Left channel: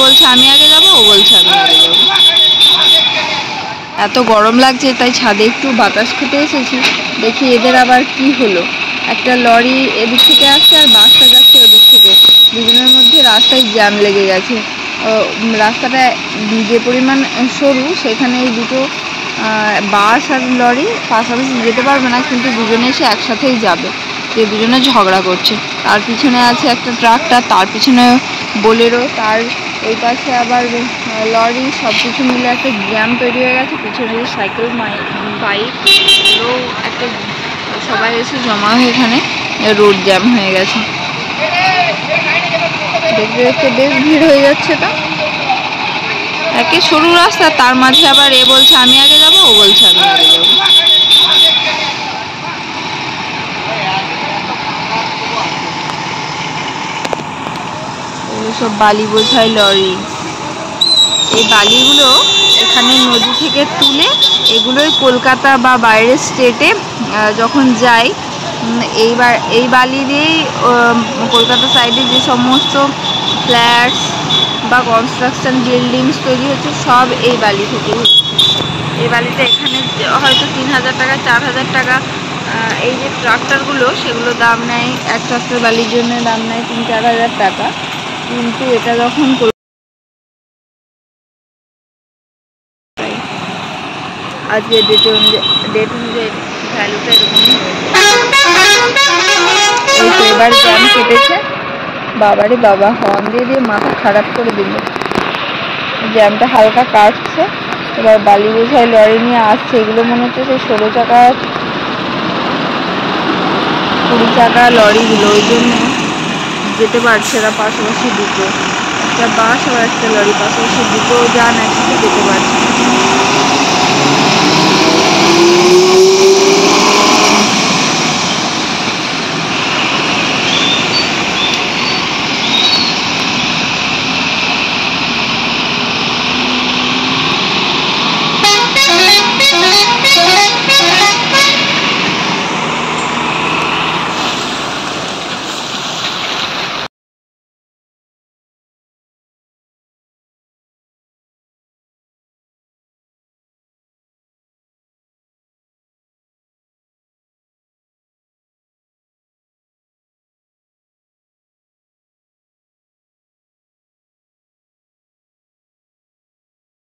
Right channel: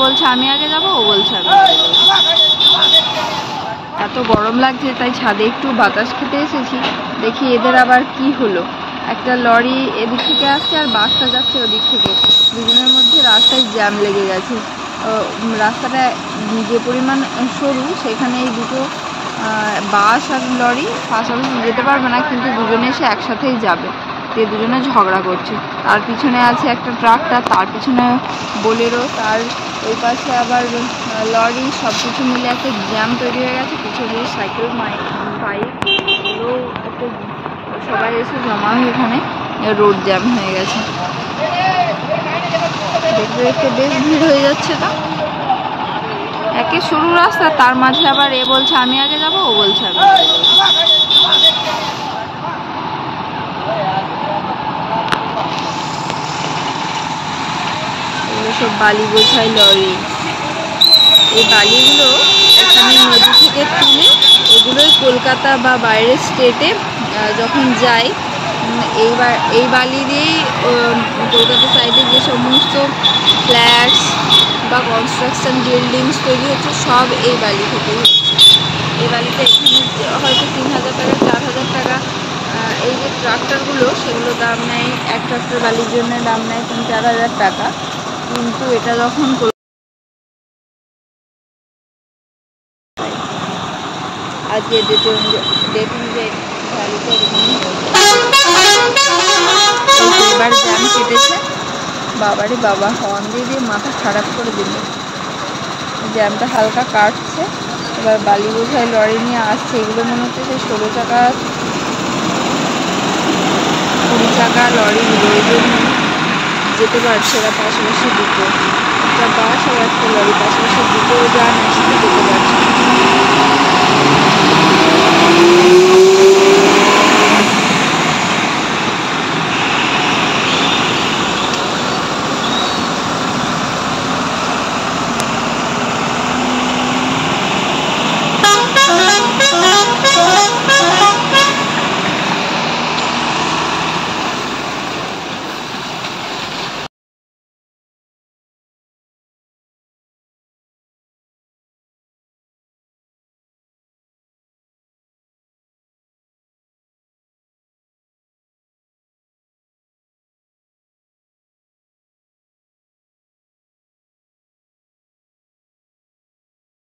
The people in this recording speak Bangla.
বলছে আমি আগে যাবো, ও বলছে আমি আগে যাবো। এত গরম লাগছে তাই ছাদে একটু বাতাস খেতে এসেছি। দেখি এদের আবার কি হলো, একটা লরি এদিক থেকে আসছে আর বাসটা যাচ্ছে ওদিক থেকে, দুজনের মধ্যে রাস্তায় জ্যাম লেগে গেছে। রাস্তাটা যে পরিমাণ সরু, সেখানে এই দুটো বাস আর লরি পাশাপাশি যেতে পারবে না, কিন্তু দুজনে এসে একসাথেই যাবে, যে দুজনে ঝগড়া করছে। তার পিছনে আছে একটা ট্রাক্টর, তার পিছনে বোলেরো, তার ওই পাশে আবার লরি, সব কিছু মিলে একটা জ্যাম তৈরি হয়ে গেছে। পিছনে সাইকেল বাইক এগুলো একটা সবাই এসে জমা হয়ে এখানে রোড জ্যাম হয়ে গেছে। দেখতে দেখতে বেশ ভিড় হয়ে যাচ্ছে। তো একে সরু রাস্তা, তার মাঝে আবার এ বলছে আমি আগে যাবো, ও বলছে আমি আগে যাবো। সব বালি বোঝাই লরি। এই বালিগুলো এখানে নদী থেকে তুলে এগুলোই কলকাতা বা বাইরের স্টেটে যখন যায়, এই বালি দিয়েই কলকাতা সাইডে যে সমস্ত ফ্ল্যাটস বা কনস্ট্রাকশন বিল্ডিংস তৈরি হচ্ছে, সব এই বালি থেকে হচ্ছে। এই বালিটা এখানে হয়তো 3000 টাকা 4000 টাকা। এই যে ট্রাক্টরগুলো, সেগুলো দাম নেয়, এক ট্রাক্টর বালির জন্য দাম নেয় 3-4 হাজার টাকা। কিন্তু এটা যখন আজকে ডেট অনুযায়ী ভ্যালুটা এরকমই হয়েছে। এবার জ্যাম কেটেছে, বাবারে বাবা, হর্ন দিয়ে দিয়ে মাথা খারাপ করে দিল। জ্যামটা হালকা কাটছে, এবার বালি বোঝাই লরি নিয়ে আসছে। এগুলো মনে হচ্ছে সেই 16 চাকা 20 চাকা লরিগুলো, ওই জন্য যেতে পারছে না। পাশাপাশি দুটো, একটা বাস আর একটা লরি, পাশাপাশি দুটো যান একসাথে যেতে পারছে।